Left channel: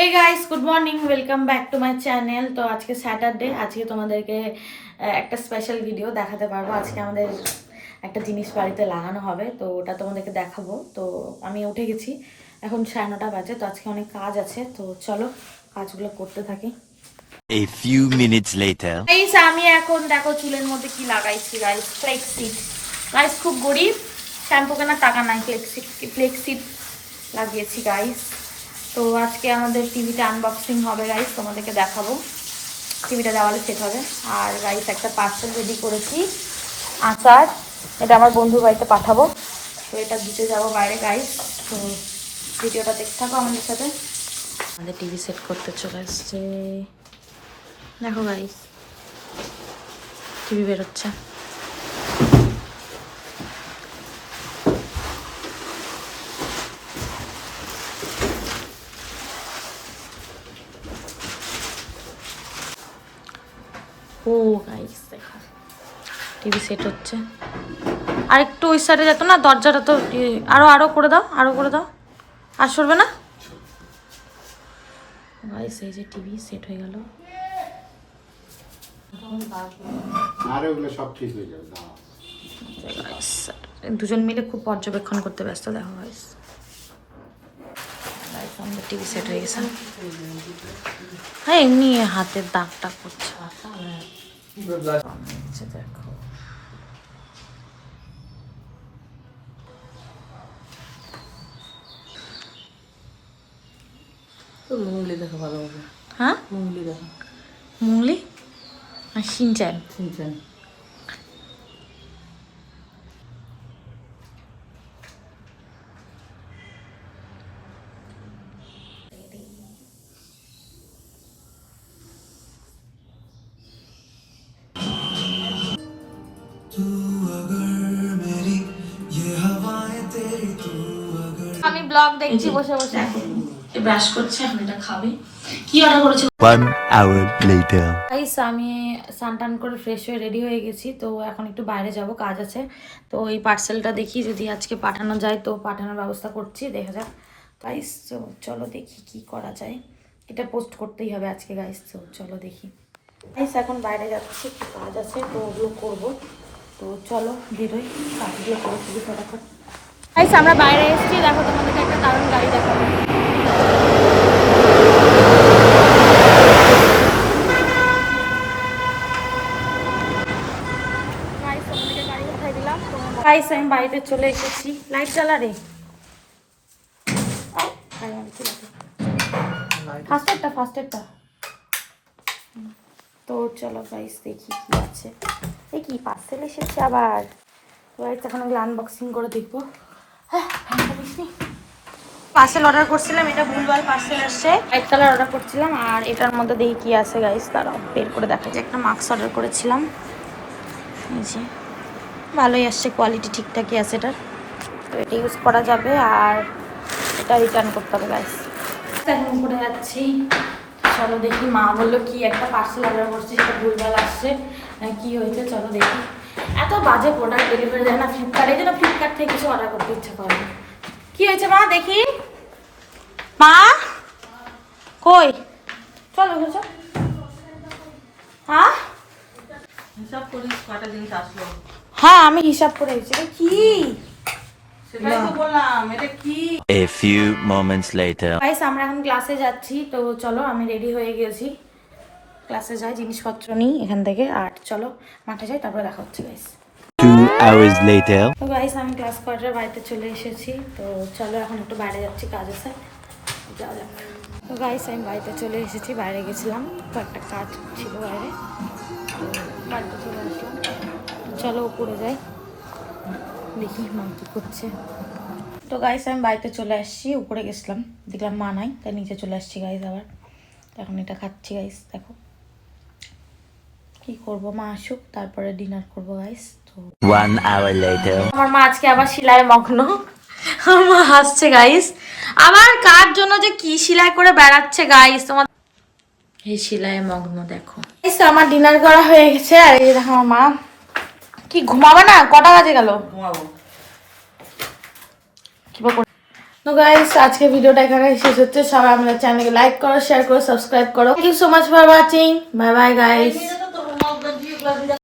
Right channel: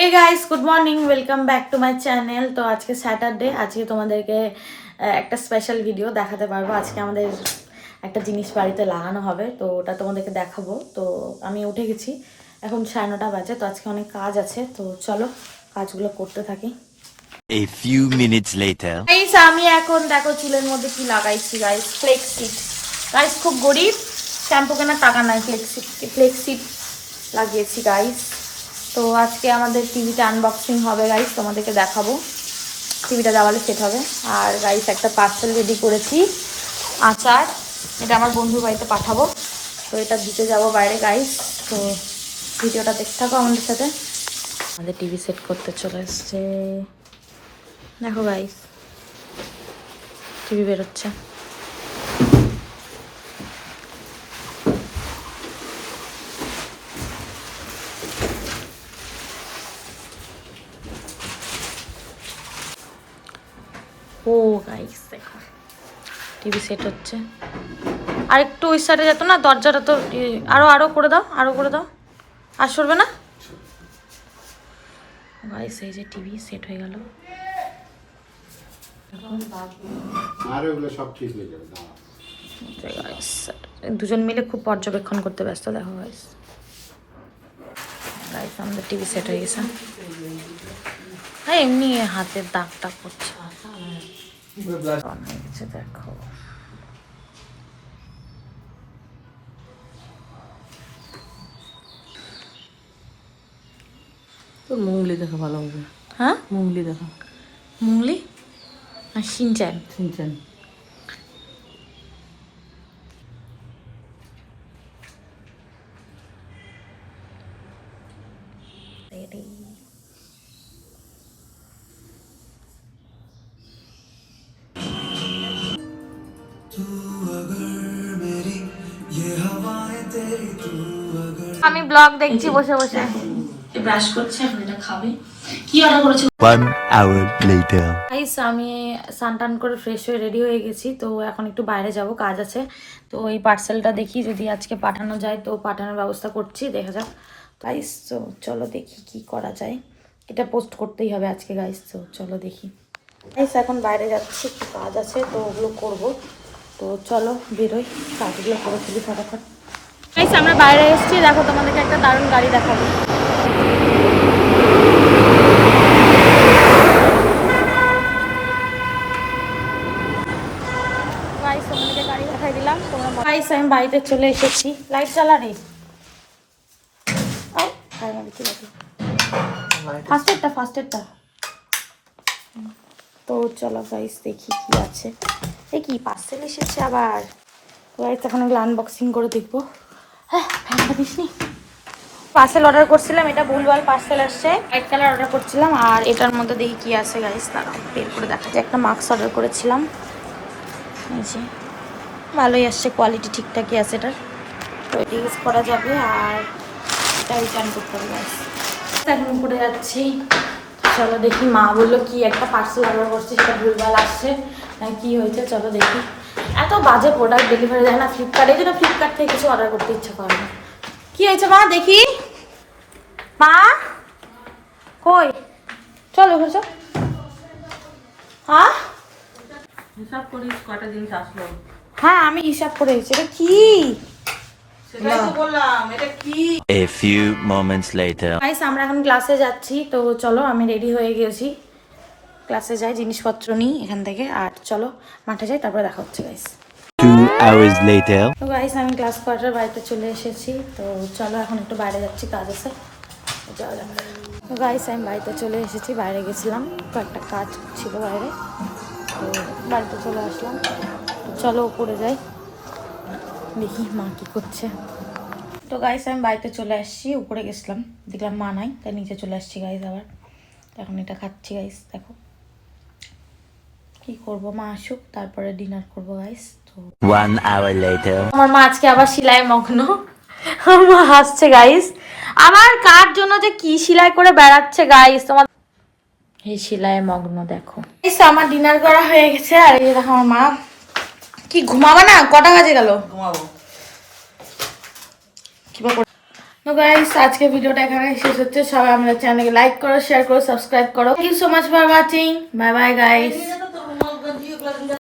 Hey guys, good morning, welcome back to my channel. তো আজকে Saturday, আজকে তোমাদেরকে একটা স্পেশাল ভিডিও দেখাতে পারবো। আজকে আমাদের একটা জিনিস বাড়িতে লাগানো হবে, তো ওটা তোমাদেরকে দেখাবো। তো আমি উঠে গেছি, এখন 9:30 বাজে। তো আজকে অনেক কাজ আছে, তো চলো কাজগুলো করতে থাকি। A few minutes later. Guys, আমি এখন দেখো চুলের মধ্যে কি লাগাইছি গাইস, ফ্লেক্সি। গাইস খুব গরিব, শ্যাম্পু কেনার টাকা নাই, ফ্লেক্সি লাগিয়েছি গাইস। তো আজকে আমাদের টিভিটা আনবক্সিং হবে গাইস, তোমাদেরকে দেখাবো। টিভিটা দেওয়ালে সেট হবে। আর গাইস একটা পার্সেল রেডি করেছি, আচার। এটা আমার বন্ধুর বাড়িতে পাঠাবো, তো এটা দিতে যাবো বাইরে গাইস। তো ভিডিওটা দেখতে থাকো আমাদের সাথে। আমাদের টিভি সেট করতে চলে এসছে, দেখো গাইস টিভি বেরোচ্ছে। ও গাইস দেখো টিভি সেট হচ্ছে। আর একটু ওই সাইডে যেত না, দরজাটা তো আরো করে দাও, আরো করে দাও। আর সরবে না গাইস। এই যে টিভি সেট হয়ে গেল। আর ওগুলো সব ঠিক হয়ে যাবে। দুজন মিলে খুব পর্যবেক্ষণ করতে ব্যস্ত, দেখো গাইস। আমাদের টিভি সেট হয়ে গেছে। হ্যাঁ, এমনি হাতের দাগ দাগ করছে, দেখো। মুঙ্গলি দেখো ভালো হবে। হ্যাঁ, মুঙ্গলি দেখো। মুঙ্গলি আর শিনচান। শুনছেন? আমি ব্লগ দেখছি বসে বসে, ব্রাশ করছে, এখন এটা খাবে। কি অর্ডার করেছো? 1 hour later. গাইস, আমি স্নান করে ফ্রেশ হয়ে রেডি হয়ে গেছি। তো এখন একটু বাইরে যাব, কাজ আছে। তো এই পার্সেলটা দেখি যদি আজকে পাঠানো যায়, তো পাঠানোর ব্যবস্থা করছি, দেখা যাক গাইস। তো চলো দেখি কি করা যায়। এটা পোস্ট করতেই হবে আজকে গাইস, তো চলো দেখি। গাইস এখন বাইরে যাচ্ছি, একটু কাজ আছে, তো ওগুলো করবো। তো চলো বেরোই, কাজগুলো করে ফেলি ফটাফট। গাইস আমরা বাইরে এসেছি, দেখো তোমাদেরকে একটা দারুণ গাড়ি দেখাবো। গাইস আমি বাড়িতে চলে এসেছি। লাইট জ্বালা রে, ফার্স্টেরটা। তো চলো গাইস দেখি কি আছে। এই কি পার্সেল এসেছে আবার। গাইস এখন এগুলো আনবক্সিং করে দেখবো। হ্যাঁ, পার্সেল অর্ডার করছিলাম, এটা ভুলভাল পার্সেল আসছে। হোয়াইট কালার অর্ডার করছিলাম, আর এটার মধ্যে দেখি কি আছে গাইস, তারা বের করে দেখা যায়। একটা মাস্ক অর্ডার করেছিলাম, ভালোই আসছে, কোয়ালিটি ঠিকঠাকই আছে এটার। তো এটা ইউজ করা যাবে, আর এটা রিটার্ন করতে হবে গাইস। এখন উপরে যাচ্ছি, চলো দেখি। মা বললো কি একটা পার্সেল অর্ডার করছে, সেটা ভুলভাল আসছে, কি হয়েছে চলো দেখি। এত বাজে প্রোডাক্ট ডেলিভারি দেয় না ফ্লিপকার্টে, যেন ফ্লিপকার্ট থেকে কিছু অর্ডার করতে ইচ্ছা করে না। কি হয়েছে মা দেখি, মা কই, চলো বুঝো। হ্যাঁ হিসাব করিস কটা জিনিস আসলো। হ্যাঁ আমি হিসাব করে এসেছি। এটা কি? সেটাই তো বললাম, এটা কি? A few moments later. Guys আমরা এখন ক্লাসে যাচ্ছি, তো চলো আমি রেডি হয়ে গেছি। ক্লাসে যাই, জিনিসপত্র নিই এখান থেকে, আর চলো মাঠে যাই, তারপরে দেখা হচ্ছে গাইস। 2 hours later. তো গাইস আমি ক্লাস কোয়ার্টার বাড়িতে চলে এসেছি। তো চলো এখন একটু বাইরে যাচ্ছি, কাজ আছে, যাওয়া যাক। তো গাইস আমি বাড়িতে চলে এসেছি, বাইরে গেছিলাম, কয়েকটা কাজ ছিল বাইরে, তো বাড়িতে চলে আসলাম। চলো উপরে যাই, দেখি মা কী করছে। তো গাইস আমি বাড়িতে চলে আসছি, উপরে গেছিলাম, দেখলাম মা নাই, তাই নিচে চলে আসছি গাইস আবার। এখন এটা খাচ্ছি গাইস, দেখো কি করব, মা আসুক তারপরে ডিনার করবো গাইস। তো 1 hour later. আমার মা আজকে আবার সেলাই মগ্ন, আমার মা হাসছে গাইস। আমার কার জন্য যে কি সেলাই করে বেড়াচ্ছে গাইস, তোমার এই সেলাই মগ্ন দেখো। আমার ডিনার করা হয়ে গেছে, আর এই দেখো আমার মা। কি ঘুমাবা না? কটা বাজে গেল? ঘুমাবো। কিবা তো গাইস আজকে ভিডিওটা এখানে শেষ হচ্ছে। সবাই আমাদের চ্যানেলকে লাইক করো, শেয়ার করো, সাবস্ক্রাইব করো। Thank you so much for watching. Bye bye guys.